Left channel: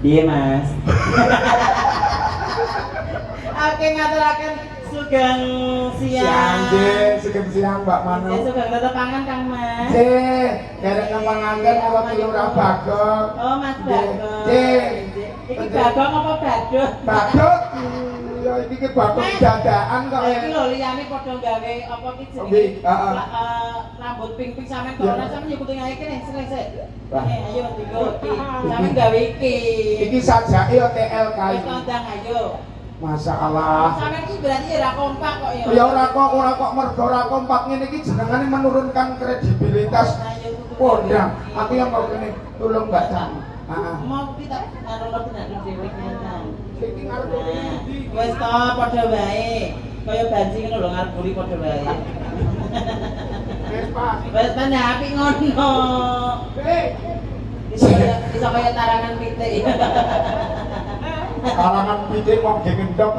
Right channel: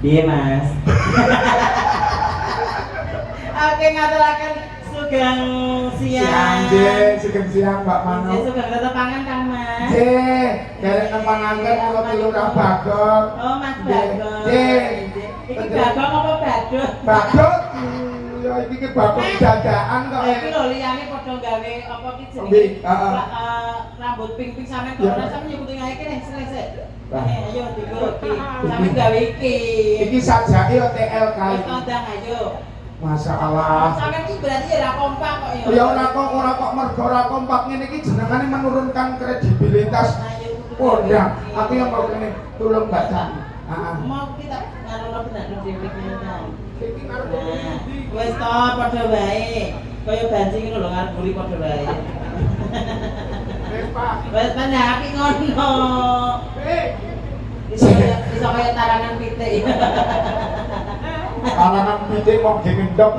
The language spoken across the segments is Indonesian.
Iya mas. Oke ngaturaken sugeng siang. Sugeng siang Mbak Manu. Sugeng tetep pangan Kang Mas. Derek nempanganke kula Lurah Bagong. Oh Mas Bagong. Iki Bagong apa Badut? Badut. Ya iki ki Bagong dadaan kok. Iki lho liyane padha gawe apa ki jenenge? Rambut pink-pink sampean corona sampean nyukuti ngae kene sik. Ayo digo iki. Sampean gawe iki. Iki sajake OTL kae. Kondang ayo. Masya Allah. Sampeyan iki berarti ora kompak kok ya. Ya ora kok mergo ora kompak ngene iki jenengane menurunkan kredibilitas Kondang. Aku yang mau kene tolong Mbak Tan. Mau kita karo benar dhewe kan. Iki ngarep Wis to padha wae. Kaya banjing ngono lho ngarep buri padha wae. Wis Pak. Wis ta nyaki ngono. Iso kaya tarangan pitik. Kalangan pitik wong gendok.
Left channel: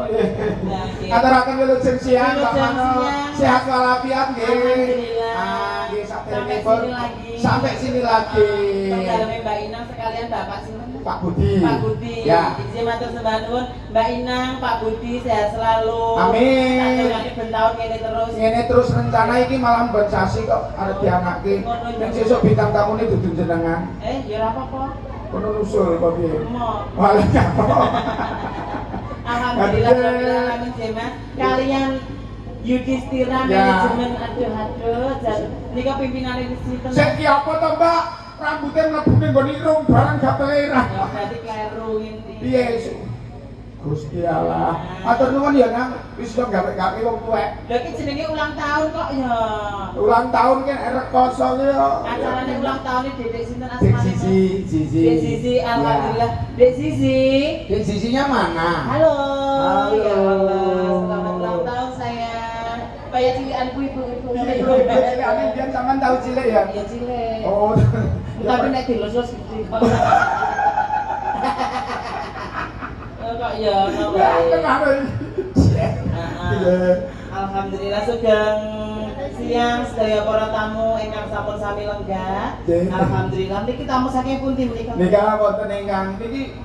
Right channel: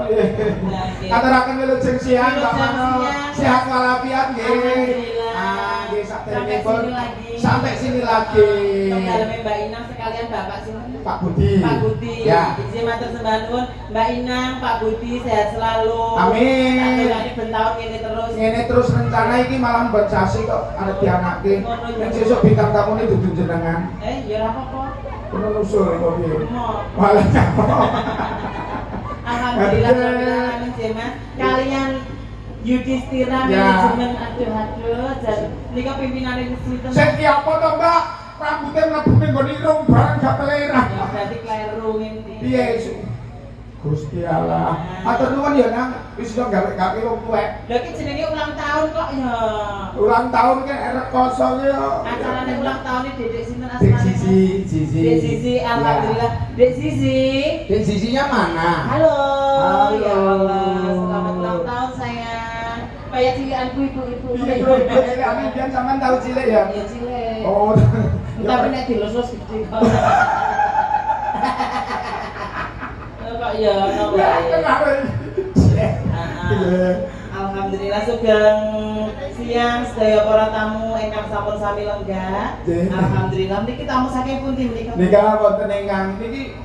Aturaken wilujeng siang Pak Mano. Sehat walafiat nggih. Nggih saderengipun sampai sini lagi. Daleme Mbak Inang sekalian Bapak sinten? Pak Budi. Pak Budi. Ya. Izin matur sembah nuwun Mbak Inang, Pak Budi sehat selalu. Amin. Sakjane ben taun ngene terus. Ngene terus rencana iki malah mbok jasi kok arep dianake. Nek sesuk bintang tamune dudu jenengan. Ya ora apa-apa. Kono nusul kok piye? Mo. Malah nyapa. Alhamdulillah amin Mas. Kalian Yudhistira manajemen aduh jan nika pimpinane sinten? Saiki apa to, Mbak? Rambutnya mlebu ning nggone irung barang gak telera. Berarti kleru ngene. Piye? Gusti Allah. Matur nuwun ya Nang, wis iso gawe-gawe wong tuwek. Lha iki jenenge ulang tahun kok ya. Ulang tahun ki arek kosong ya. Acarane ulang tahun iki Dek sinten Dek asmane? Zizi. Dek Zizi, alhamdulillah. Dek Zizi. Dek Zizinya mana? Halo. Halo. Ya Allah, selamat ulang tahun sayang. Kayak cilikanku ibu-ibu. Ini biar sampean tahu cilik ya. Ya cilik. Oh. Tapi nek dilosos gede banget. Kok ya ono wae. Kemarin. Alhamdulillah sugeng siang sedaya para tamu ingkang sampun sami lenggah. Alhamdulillah niki tamu saking pundi menika? Nika wonten ingkang niki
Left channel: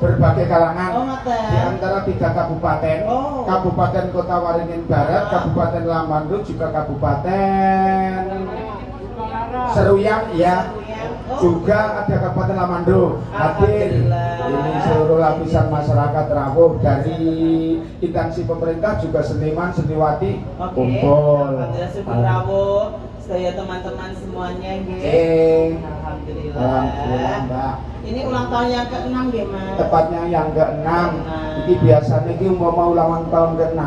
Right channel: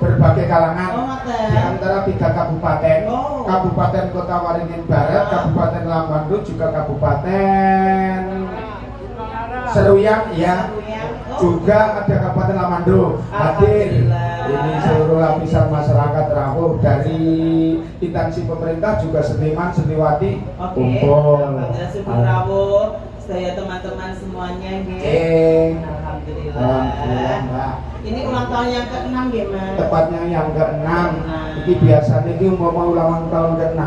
berbagai kalangan. Oh, ngoten. Di antara 3 kabupaten. Oh. Kabupaten Kota Waringin Barat, Kabupaten Lamandung, juga Kabupaten Seruyan ya. Juga ada Kabupaten Lamandung. Hadir ini seluruh lapisan masyarakat rawuh dari instansi pemerintah juga seniman seniwati kumpul. Alhamdulillah syukur rawuh sedaya teman-teman semuanya nggih. Alhamdulillah Mbak. Ini ulang tahun yang ke-6 nggih Mas. Tepatnya yang ke-6. Iki biasanya iki mau ulang tahun ke-6.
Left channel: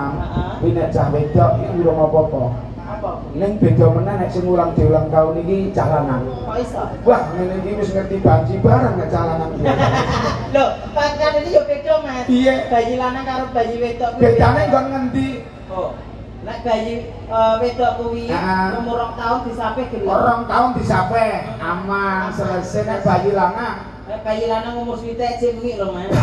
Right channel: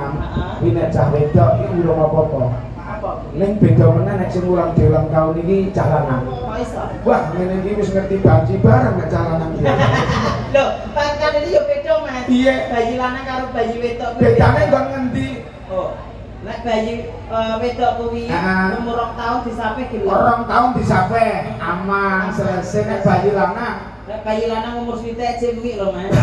Kuwi nek cah wedok iki urung apa-apa. Apa? Ning beda meneh nek sing ulang tahun iki cah lanang. Kok iso? Wah, ngene iki wis ngerti banci bareng nek cah lanang iki. Loh, kan ini yo beda Mas. Iya. Bayi lanang karo bayi wedok kuwi. Bedane nggon ngendi? Oh. Nek bayi wedok kuwi umur 2 tahun disape gelem. 2 tahun disape, aman, selesai nek bayi lanang. Nek bayi lanang umur switek jek kuwi lho Mas.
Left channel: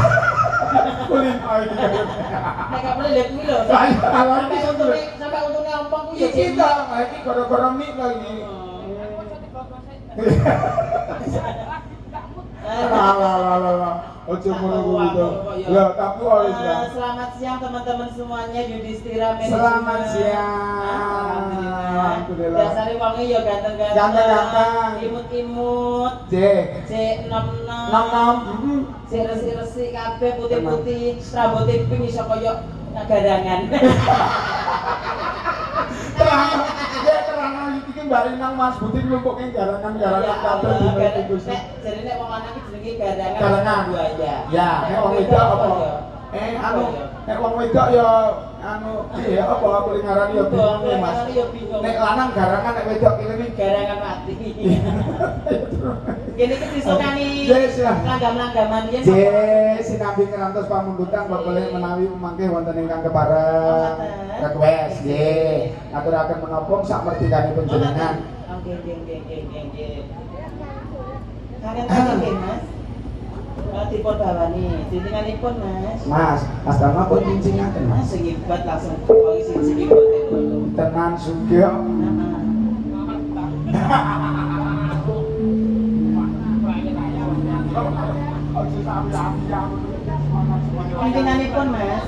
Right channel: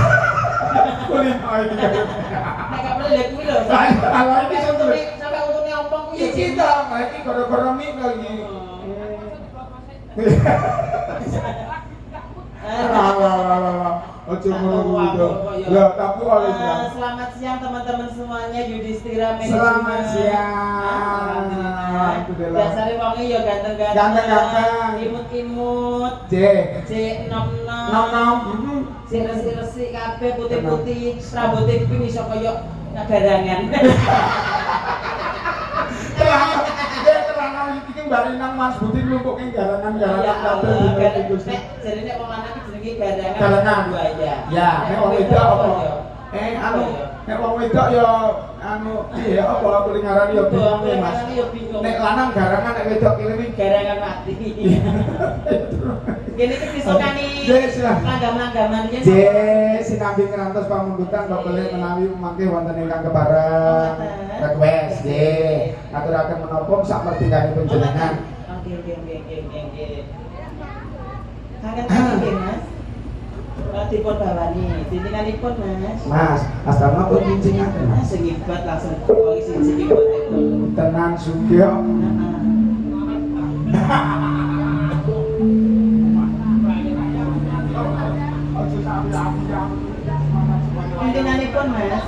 Kuwi ae. Nek gak boleh lek kuwi lho. Sampai untune ompong kuwi. Iki to, iki gara-gara mik lho iki. Ojo ngono. Ya, tapi oleh selamat siang teman-teman semuanya Yudhistira Manajemen. Selamat siang. Alhamdulillah. Dasare wonge ya ganteng-ganteng. Ganteng-ganteng. Imut-imut. C nom-nom. nom. Sing resik-resik kabeh putih-putih, rambute pink iso kaya garangan. Terang iki mbari nang Mas Budi nglumpuke garangan-garangan kabeh dene Gusti. Jadi nek wong lanang iki jenenge garangan. Garangan. Ya, nek wong wedok apa? Nek wong wedok ya piye apa aku ngarani ya bingung Mas. Nek lanang garangan nek wedok iki garangan mati. Kene iki disukani langgam-langgaman yen. Sinambi ngerantos pamundutan bapak menawi mangke wonten ingkang kepareng request nggih. Aturaken menapa sak merdekane panjenengan. Nggih. Kangen nggih Mas. Dipun bawani, cincinaipun Mas. Mas, astana pun cincingaken. Mas sing ibat langsung wong sing ibat itu. Tenan sugih. Ojo Pimpinnanipun, Mas.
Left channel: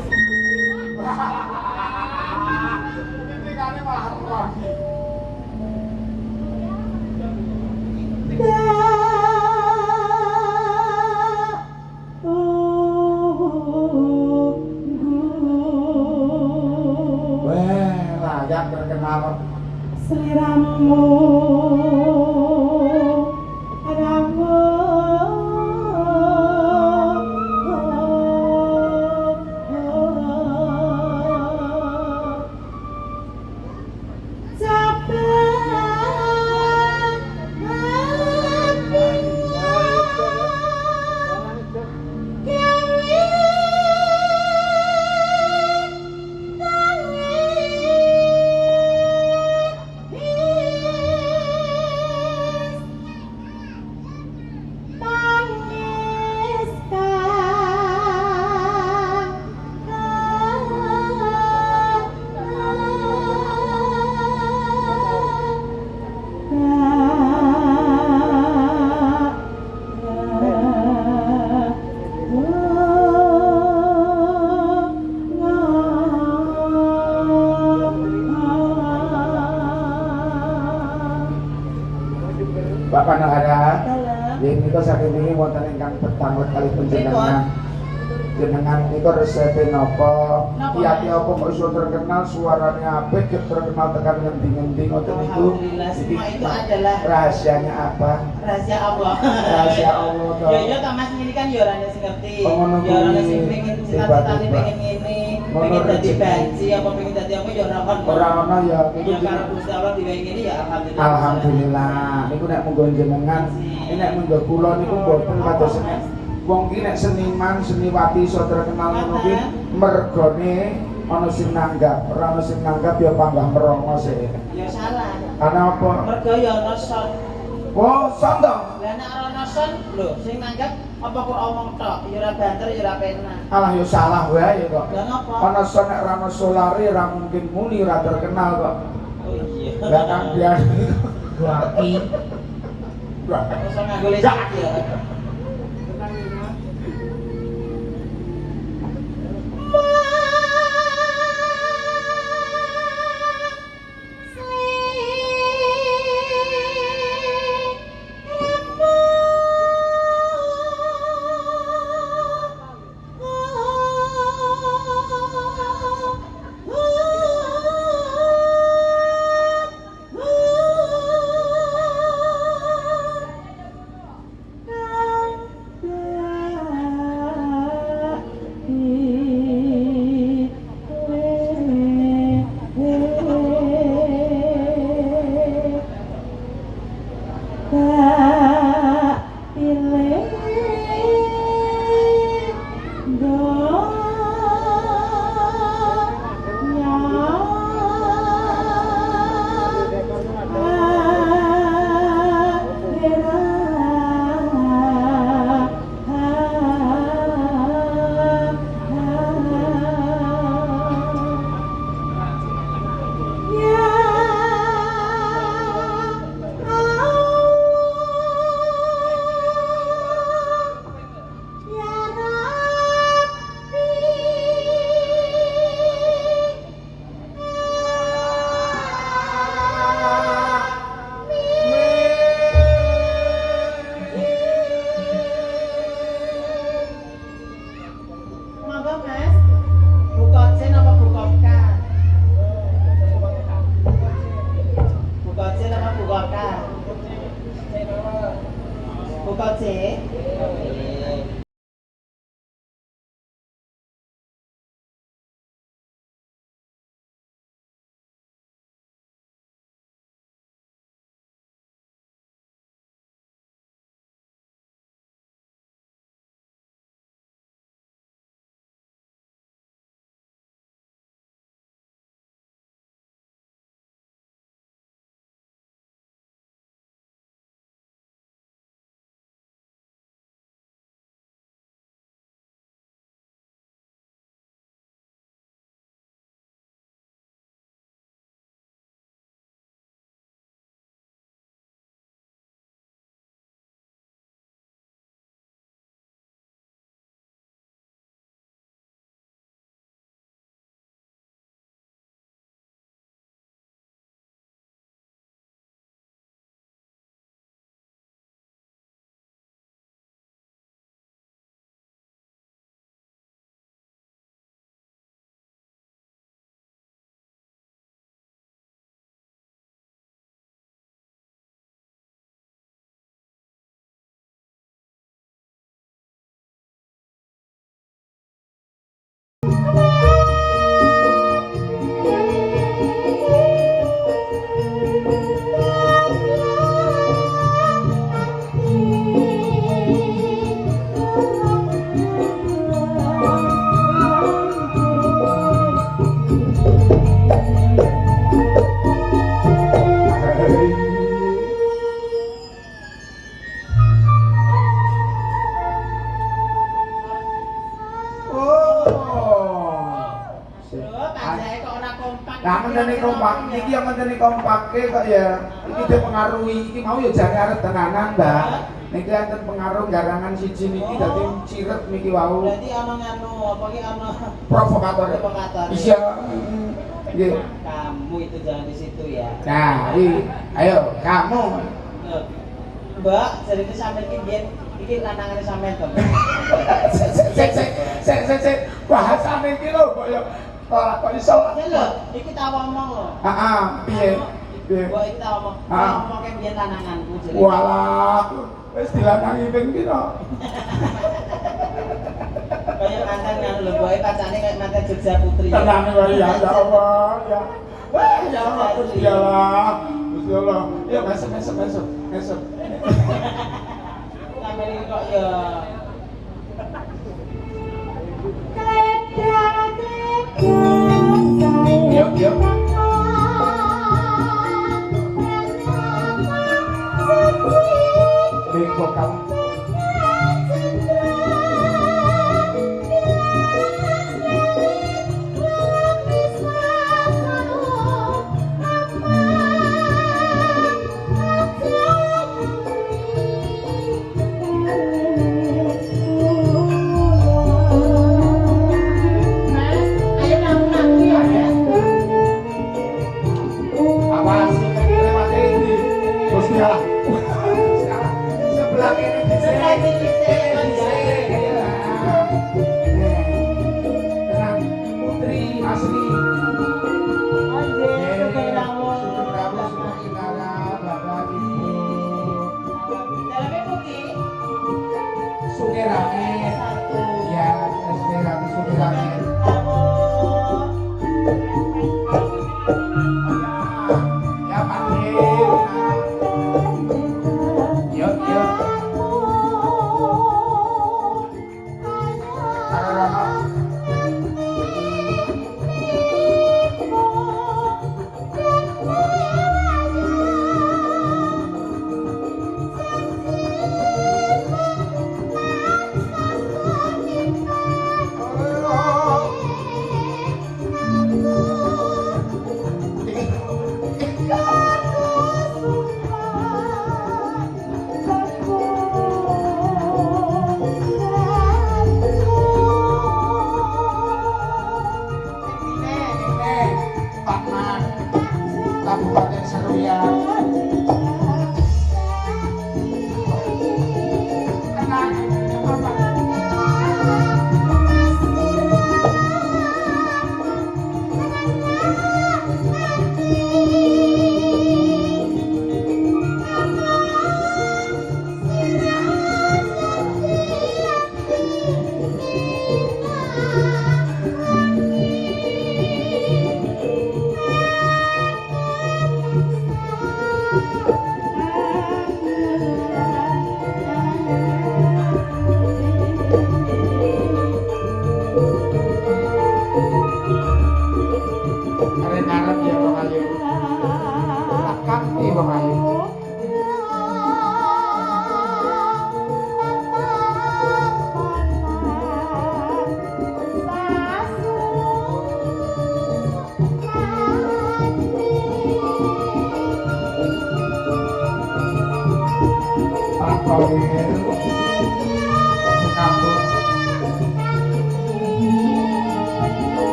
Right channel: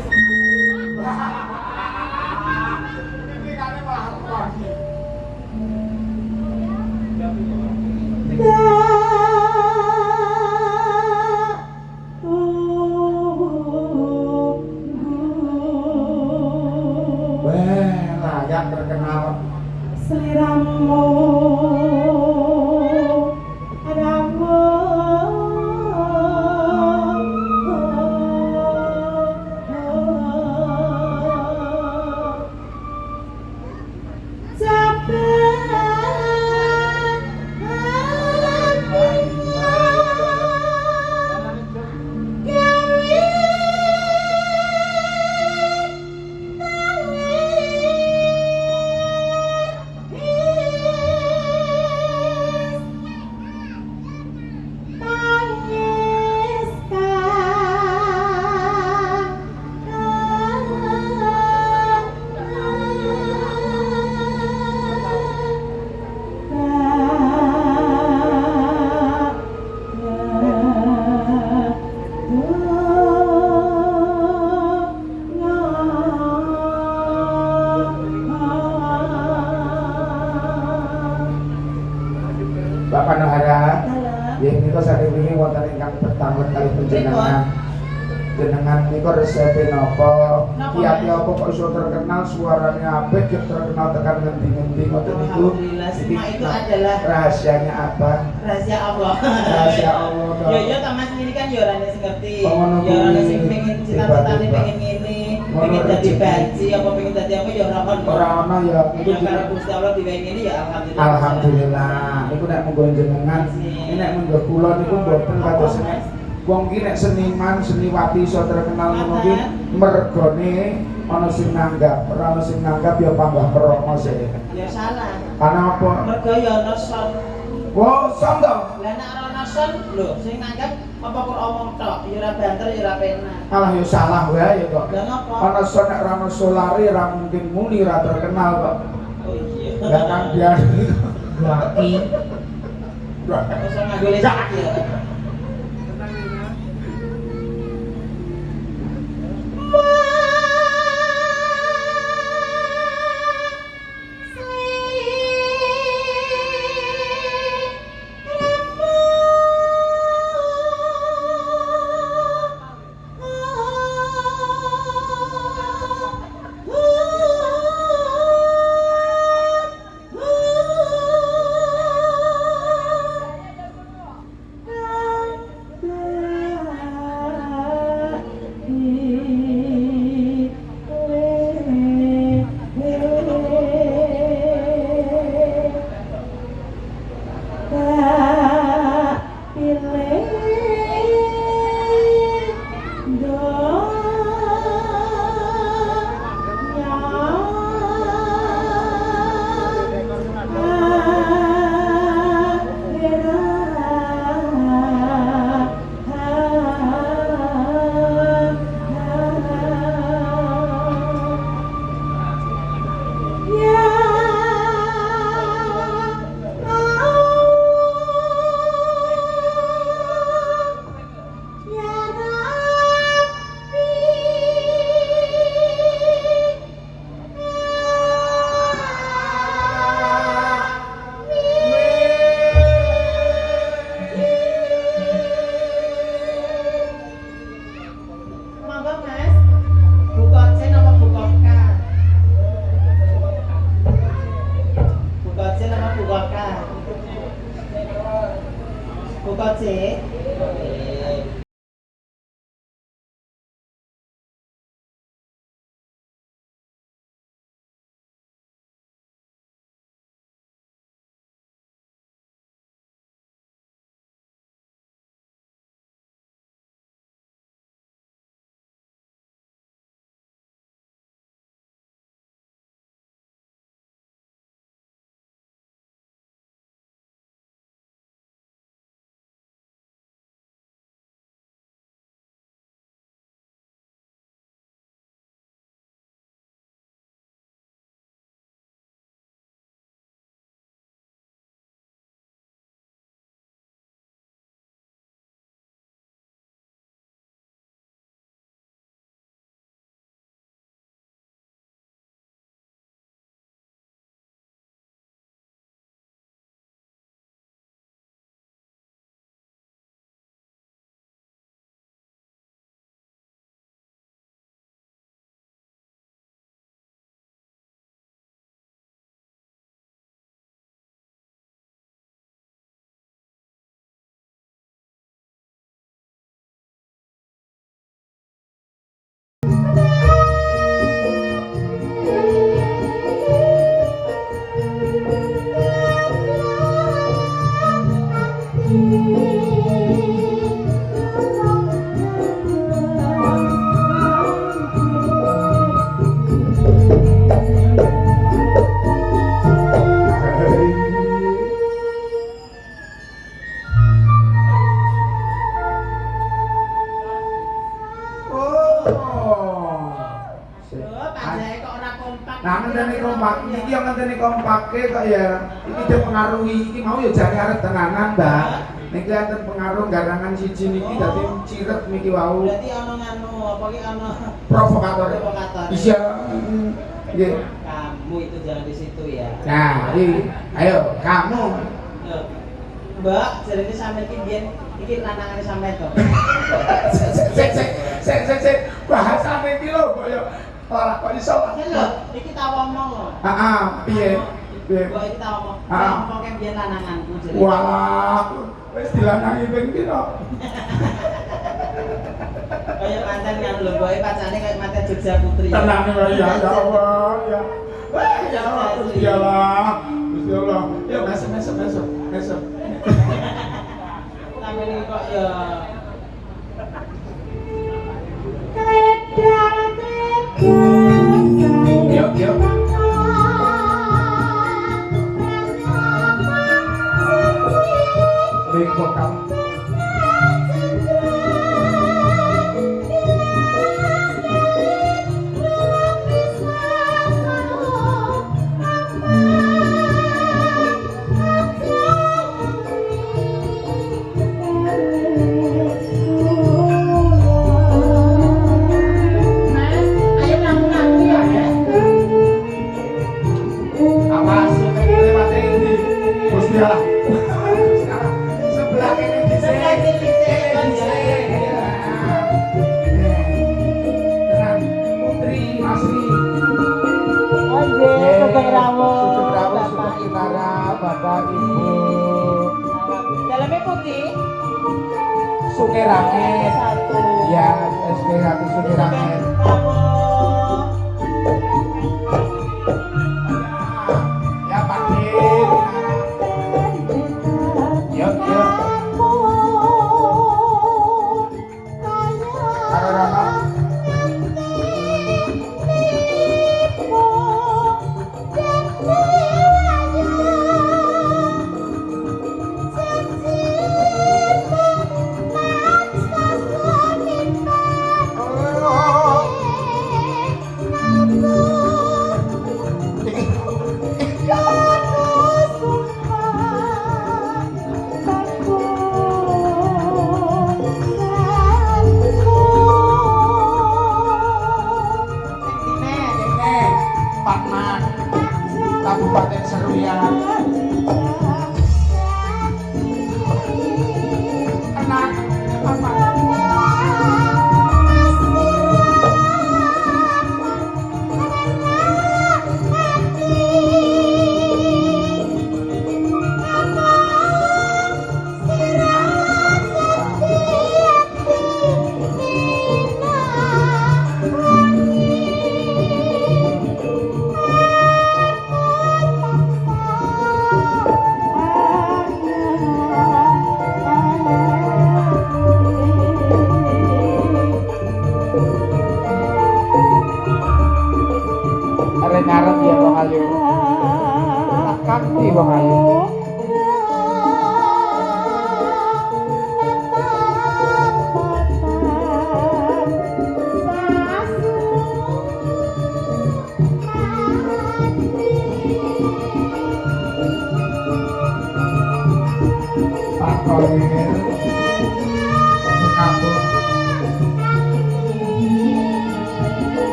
Yang terkenal Sliramu Ramu Bapak Nahara, ya kita saat ini wonten ingkang pertama kali penjenengan. Jenengan niku resepe napa? Kiai apa kok iso terkenal suaranya apik, terkenal tekan ngendi-ngendi ngoten niku. Semua itu adalah rahasianya apa? Rahasia Allah. Rahasia Allah. Ya ya Mas ini kan ya orane sing ngerti. Ngono Ya orane sing kuwi. pengen cita-citane pengen ngene, pengen dadi banci apa pengen dadi apa ya ora kon. Ora ana ya Itu karo Gusti Allah diwehi ngene ya alhamdulillah. Alhamdulillah. Niku nek monggo jenengan, nek monggo kula niku mboten kados wong ki nek seniman, seniwati iso terkenal ngono ki mergone ana sing nanggap, ora ana sing nanggap ya panggah merono sih. Ya salah. Karena apa? Mergo ya ana son. Oh, son to. Lah nek ana son lho sing nanggap apa kok omong tok, ya ora banter ya ora penak. Alah ya salah wae kok. Lah napa? Ana son nek ora ana solare ora mungkin muni ora terkenal kok. Oh iya. Lah kan biasa itu. Laki. Iso nganggo listrik ya. Buka C. Nah, ngenteni kompak, iki yang ngenteni kompake kok ya iki dipengaruhi iki mau ya jane arep tenanan, Mbak. Niki enten pengaruh garangan siji niki dadi ciret niki wau. Berarti ana nganu apa ki ana Provokator. Iya. Nggih. Kamu itu jangan di situ ya. Nah, ayo kamu. Loh, Mbak, jadi ini sampe iki biyen iki lanangane sampean to. Sik bahasane iki lho kok ya ora kok iso. Lho, iki tak omong lho. Heeh, piye? Mbak iki tak omong. Ngomong ke biyen lananganku jadi. Walah, wis dilanangi ping pira? Kayak mantan kan lho, boy pacane kayak mantan Jogja Putri. Tenang ya, ya Allah, ya. Wah, ya Allah, Gusti Allah. Gusti Allah. Yuk masuk. Sampai ini kok ya. Yuk. Beko kamu.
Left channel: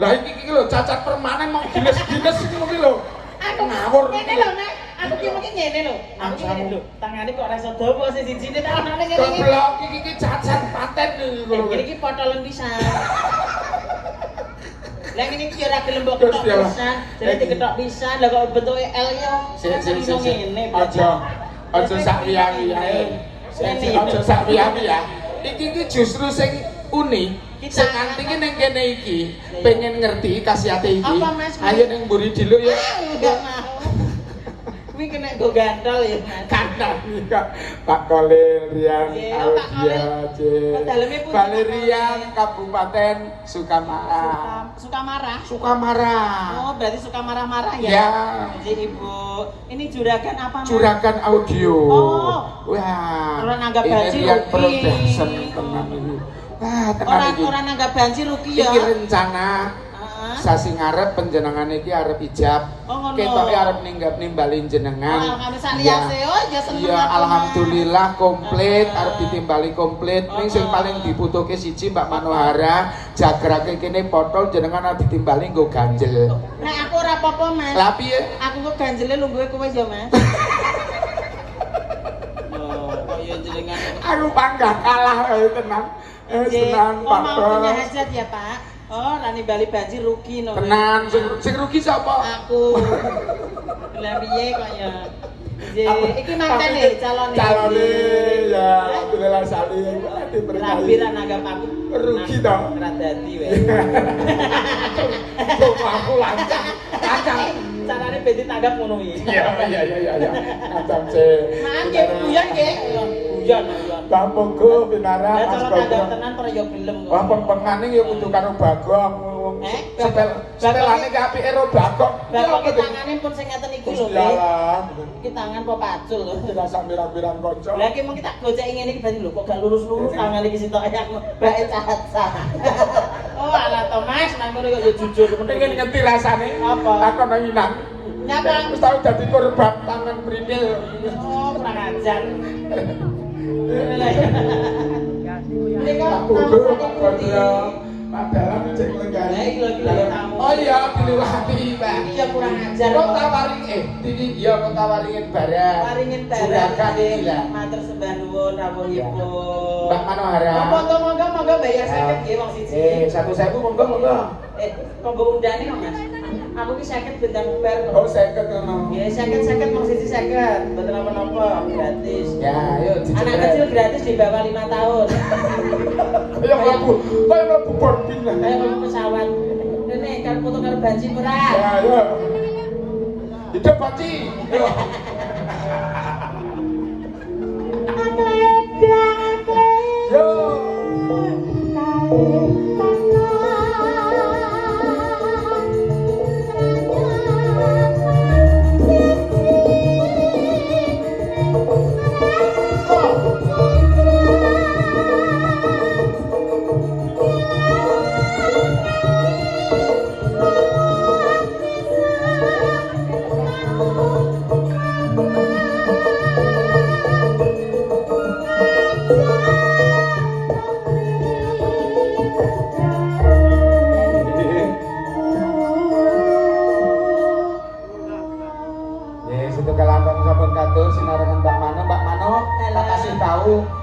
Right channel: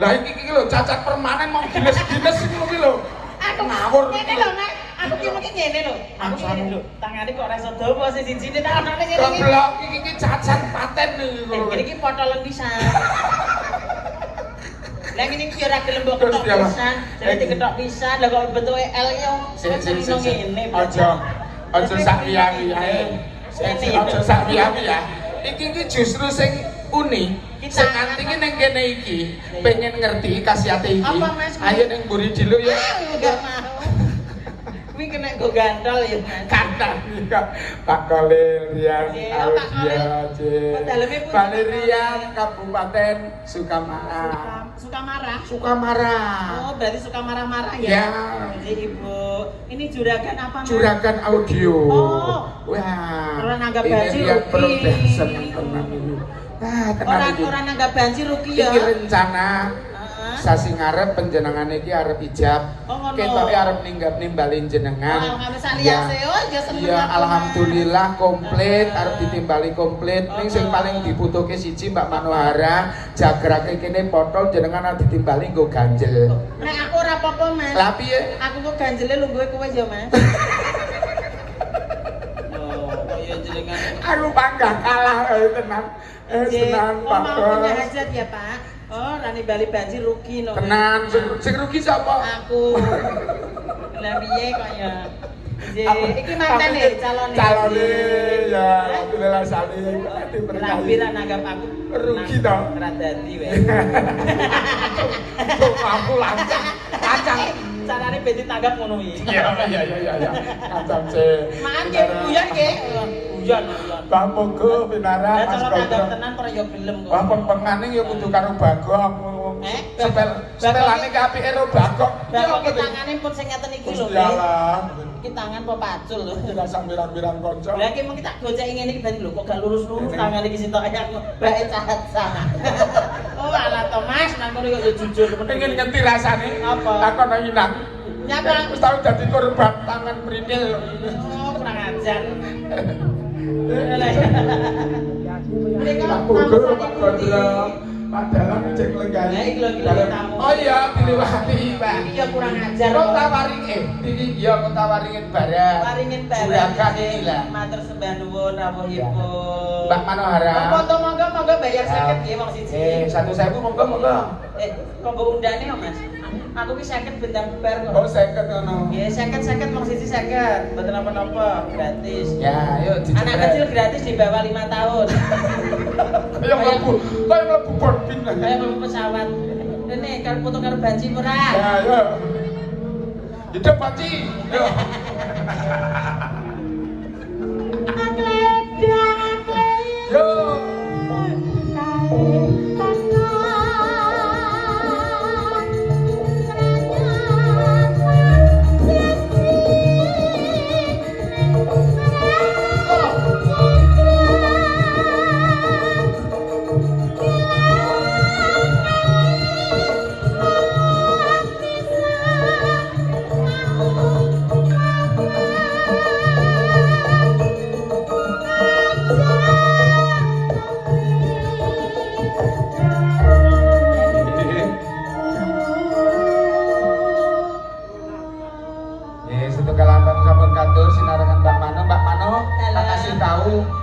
Lah iki lho cacat permanen mau gines-gines iki lho. Ngawur. Ngene lho, Nek. Aku ki mungkin ngene lho. Aku ngene lho. Tangane kok ora iso dopo sing sijine tak anane ngene iki. Goblok iki cacat paten lho. Iki potolen pisan. Lah ngene iki ora gelem mbok ketok pisan. Jadi diketok pisan lha kok bentuke L yo. Sik. Aja sak liya-liyae. Aja sak liya-liya. iki justru sing unik. Sing antine ning kene iki pengen ngerti khasiate iki. Ayo ning mburi dulu ya. Enggak mau. Kuwi kena go gantol ya. Kata Pak Kolil Rian Audia Valerian Kabupaten Sukamara. Sukamara. Oh, berarti suka marah-marah ya? Ya. Jadi Ibu, ini juragan apa? Mas? Juragan audio. Oh. Wah. Orang nanggap ini banci lihat rugi. production tenan ini. Ah, tenan iki. Orang nanggap banci rugi ya. Iki rencana sasi ngarep penjenengan iki arep ijab. Oh, ngono. Ketoke arep nimbalin jenengan. Oh, ngono saliyase. Oh, ya seneng Ya aku, Mas. alhamdulillah komplit arep ditimbali komplit. Ning sing paling dibutuhke siji Mbak Manohara, jagrake kene potol jenengan arep ditimbali nggo ganjel. Nek aku ora apa-apa, Mas. Lah piye? Aku kok ganjele lungguhe kowe ya, Mas. Ya jenengan. Aku bangga kalah tenan. Tenan Oh, Pak. mau punya hajat ya, Pak? Oh, rani bali banjir rugi no. Tenan sing rugi sapa? Aku. Lah piye kok ya? Iki mantan nih calon. Calone ya alhamdulillah sali diberkahi. Rampiran anggap aku Rugi toh. ora dadi wae. Tuh aku lancang. Lancang. Carane bedi tanggap ngono iki. Iya. Kacang sih. Maaf nggih, guyon nggih. Guyon. Mbak Monggo pinarak Lah Mas cara tanggap Gogong. tenan ora yo gelem kok. Wah pengane ya kudu karo Bagong. Setelane ki apike karo Bagong. Bapak ki tangane pun sing ngeten iki lho, Mbak. Iyalah. Iki tangan apa pacul lho. Dirasa pirang-pirang kanca. Lah iki mung kita gocek ngene iki ben lho kok gak lurus-lurus tangan iki sitok ayak bae caca. Oh, ala Thomas nang kono yo jujur Pengen ngerti rasane. Apa? Takon nyinak. Nyapa? Wis tau dadi korban tangan printil. Oh, kurang ajar. Mereka Aku guru Pak Kodro. Padahal cek lenggane. Lah, iki lho, iki lho, tamu. Oh iya, dilurahke Pak. Iya kurang ajar. Kok tawaring iki iya kok tawaringin barang. Waringin barang. Juragan iki lah. Matur sembah nuwun rawuhipun. Mbak Manohara. Monggo bayar 50 nggih wong siji. 1.000 monggo. Monggo undane kok, Mas. Aku ki 50 bintang bubar kok. Oh 50 ngono. Ya 50 wong siji 50. Mboten apa-apa, gratis. Ya, ayo Anak kecil gratis di bawah 5 tahun. Kayak mlebu boarding lah. Kayak mau pesawat. Rene karo foto karo banci ora? Ya, ayo. Hidup Paci. Yo. Yo.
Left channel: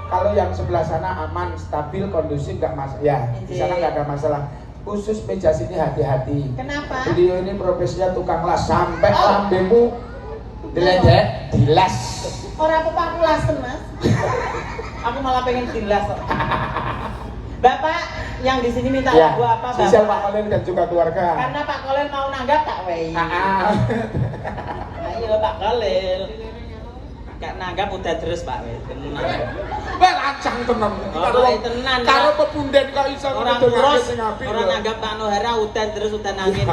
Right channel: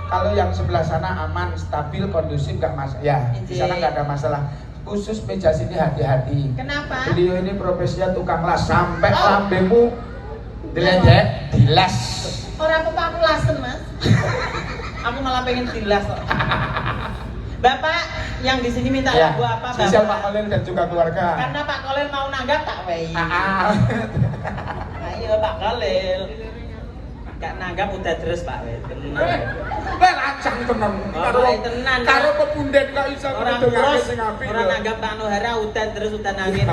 Kalau yang sebelah sana aman, stabil, kondusif, nggak masalah. Ya, di sana nggak ada masalah. Khusus meja sini hati-hati. Kenapa? Beliau ini profesinya tukang las sampai lambemu diledek, dilas. Orang apa aku lasen, Mas? Aku malah pengen dilas kok. Bapak yang di sini minta lagu apa, Bapak? Spesial Pak Kolil dan juga keluarga. Karena Pak Kolil mau nanggap tak wei. Ayo Pak Kolil. Gak nanggap udah terus Pak wei. Wah lancang tenan. Tenan. Karo pepunden kok iso Orang ngedongake terus, sing apik. orang nanggap Pak Nohara udah terus udah nangin.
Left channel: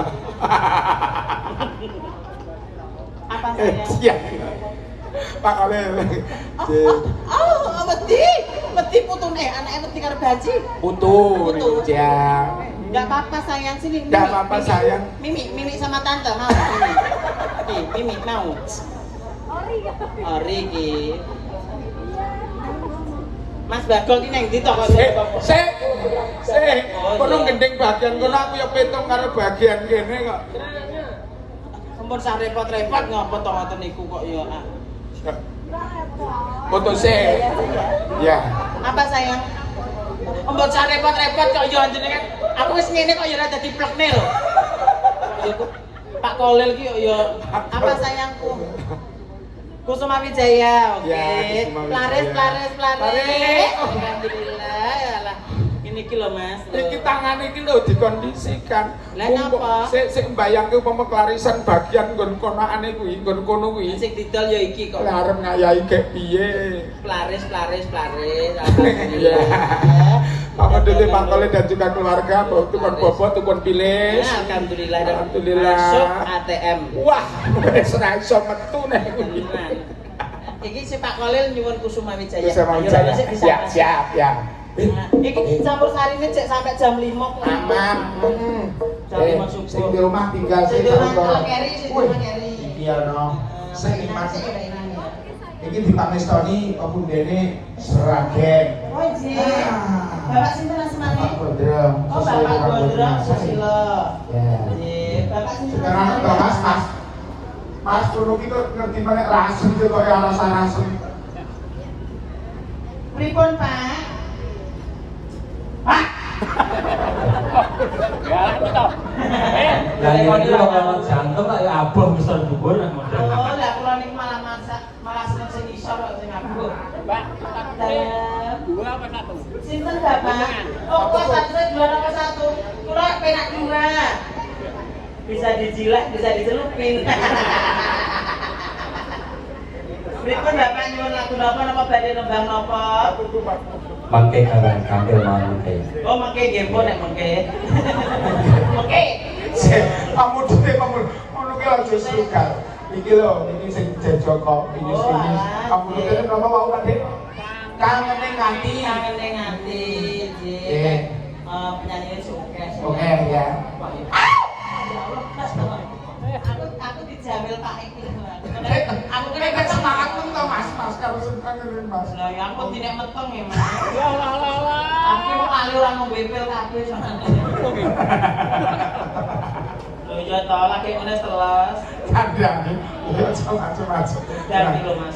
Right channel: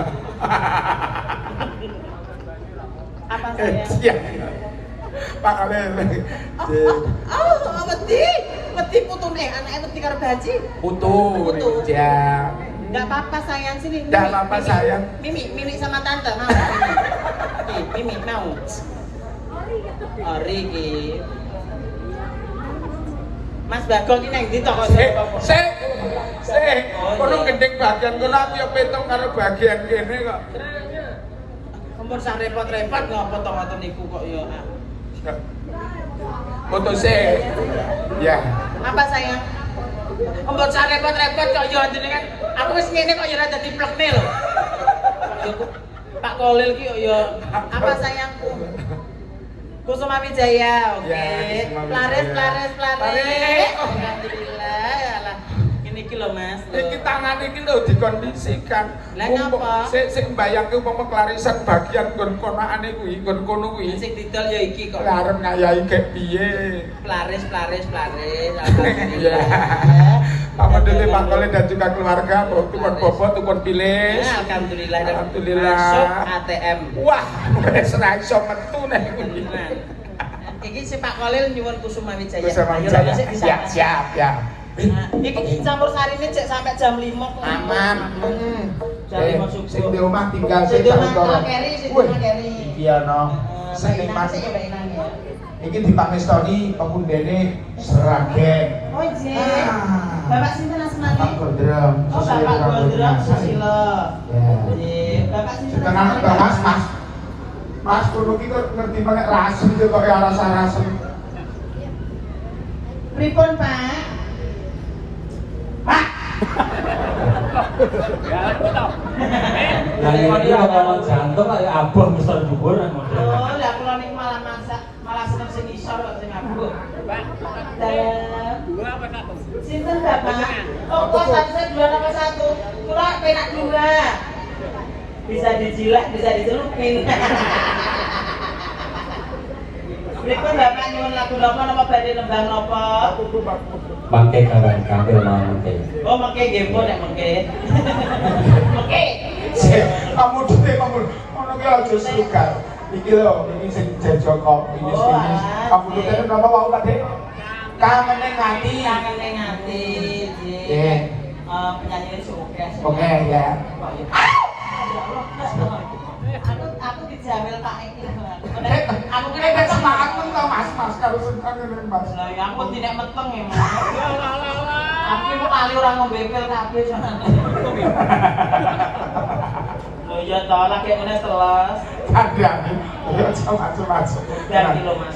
Apa saya? Iya. Pak Kolil. Mesti putune anake mesti karo gaji. Putu ning dia. Enggak apa-apa sayang sini. Enggak apa-apa sayang. Mimi sama tante mau. Mimi mau. Ori iki. Mas Bagong ki nang ndi to kok? Sik. Kono gendeng bagian kono aku ya petung karo bagian kene kok. Sampun sak repot-repot ngopo to ngoten niku kok ya. Foto sik. Ya. Apa sayang? Mbok sak repot-repot kok ya jenengan. Aku wis ngene kok ya ora dadi plekne lho. Pak Kolil ki ya apa sayangku? Kusuma Wijaya, oke. Ya, Kusuma Laris, Wijaya. laris. Alhamdulillah, ya Allah. Ini kilo mas. Iki tangan iki lho dikondisikan. Lah napa? Sik mbayangke umpama klarisan bagian nggon konakane kuwi, nggon kono kuwi. Sing didol ya iki kok. Lah arep ngayahi kek piye? Laris. Iya. Pak Dede, Pak Kole dan juga keluarga, tukun bobot, tukun pilis. Alhamdulillah. Alhamdulillah. Masuk ATM. Wah, wis ra iso metu nek kuwi. Iki si Pak Kolil nyuwun Kusuma Wijaya. Kusuma Ayo, Wijaya. sik bisa. Siap, ya. Nah, iki campur sari ini cek sampai jam 5 kok. Aman. Jam 5 subuh. Sing di omah tinggal Sing sik di omah Keri, sing di omah Keri. Iya no. Sing Sing nikmat. sik ya enak ya. Iki dipangestoni apa dene Seragen. Oh iya. Bapak sinten asmane? Pak Gondrong. Oh Bapak Gondrong Susilo. Ya. Nggih, Bapak sinten? Sekarang Mbak Mas. Mas kulo iki kok ngerti meneh rasem iki kok alasan-alasan. Pripun, Pak? Ya ini kalau jantung kayak abang besar jubur yang Oh, lah kula niku malah masak, malah seneng sing isor kok sing abuk. Sinten Bapak? Oh, kok satu dua apa satu? Kula penak dua. Bisa dijilat, bisa dicelupin. Berikut Bapak nyuwun lagu napa napa badhe nembang napa? pakai kawan kandil mau kayak. Oh, mengke nggih pun nek mengke. Mengke. Kamu dite kamu ngono ki aja suka. Iki lho, ini sing jejo kok ini. Kamu dite napa wae Pak? Kangene ngati. Kangene ngati. Nggih. Penyanyi sukses. Oke ya. Aku dijamil Pak Eki. Aku kira kan semangat pun tau Mas karo seneng ngene Mas. Lah ya ampun tidak meteng ya Mas. Aku mau kali orang ngombe pil kabeh sampeyan. Lho ya to lagi meneh teles. Kadang ya macam-macam. Ganti lho Mas.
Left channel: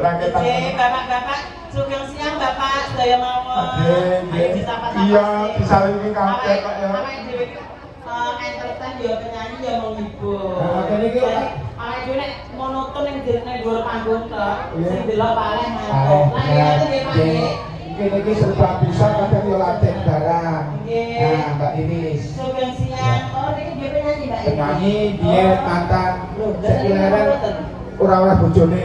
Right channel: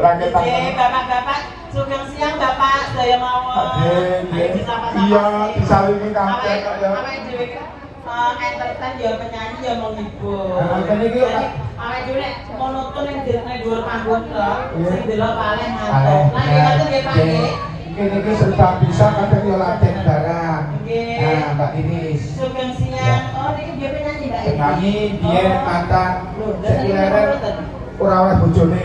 Raketan. Oke, Bapak-bapak, sugeng siang Bapak, saya mawon. Iya, disalingi kabeh kok ya. Entertain ya penyanyi ya menghibur. Nah, kan iki awake dhewe nek monoton yang jenenge dhuwur panggung tok, sing delok paling Aleh, ngantuk. Nah, iki ngoten nggih Pak nggih. Ini serba bisa kadang yo laten barang. Nggih. Nah, Mbak Iris. Sugeng siang. Oh, niki nggih penyanyi Mbak. Penyanyi biyen mantan sekiranya ora oleh bojone.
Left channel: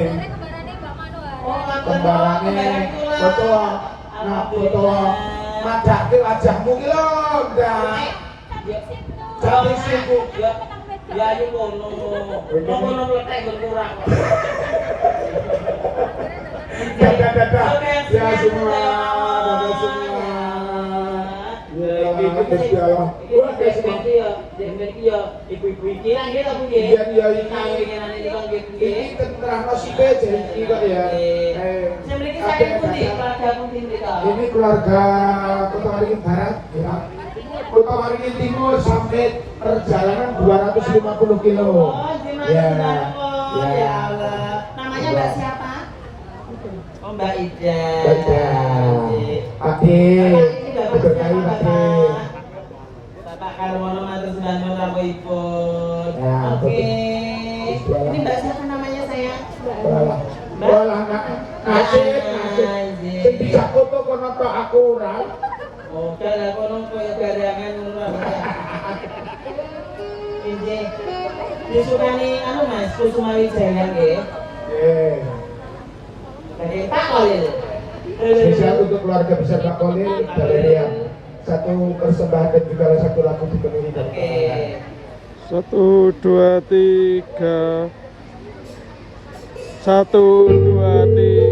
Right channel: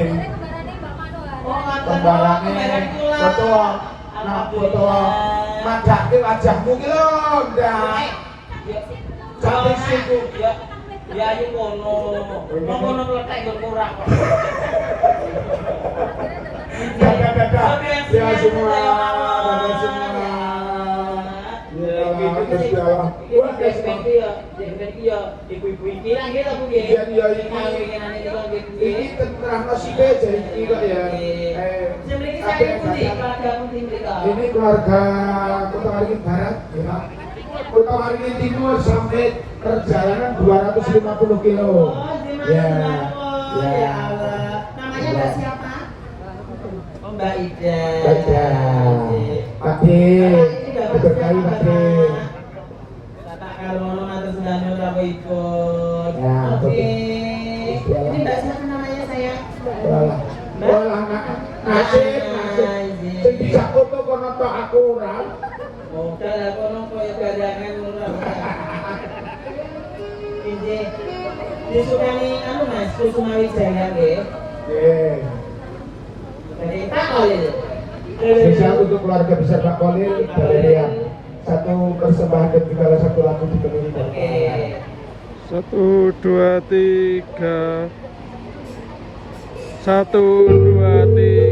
Oh, ngaten. Kembarane foto. Nah, foto madake wajahmu ki lho, Ndak. Cantik siku. Ya ayo ngono. Ngono letek berkurang kok. Dadah. Ya semua. Dadah semua. Ya gitu ya. Wah, Iki ya ibu-ibu iki lah gitu Bu nggih. Iya, iya, ini. Kawinane iki kok nggih Bu Ini nggih. tentang nasibe jadi iki kok ya. Sing mriki saking pundi? Keluarga pundi mrika? Ini keluarga Kota Waringin Barat ya. Kota Waringin Timur sampai perjalanan 250 kilo. Oh, gimana? Ya. Ya Allah. Namanya Mbak siapa? Oh, Mbak Ida. Baik. Ade. Berkahi Ade. Bapak Karwono matur sembah nuwun rawuhipun. Ya, Oke. betul. Ini Mbak siapa namanya sayang? Wah, anak nasib. Sing bisa foto kono tok aku ora. Modal lah kono koyo barangan ngono. Ini disukani anu Mas, Kusuma Wijaya nggih. Nggih. Dari Pak Kolil. Spesial untuk keluarga besar Pak Kolil dari Riau. Satu persembahan dan juga satu lagu dipenuhi dari Oke. 1 2 3 1 2 3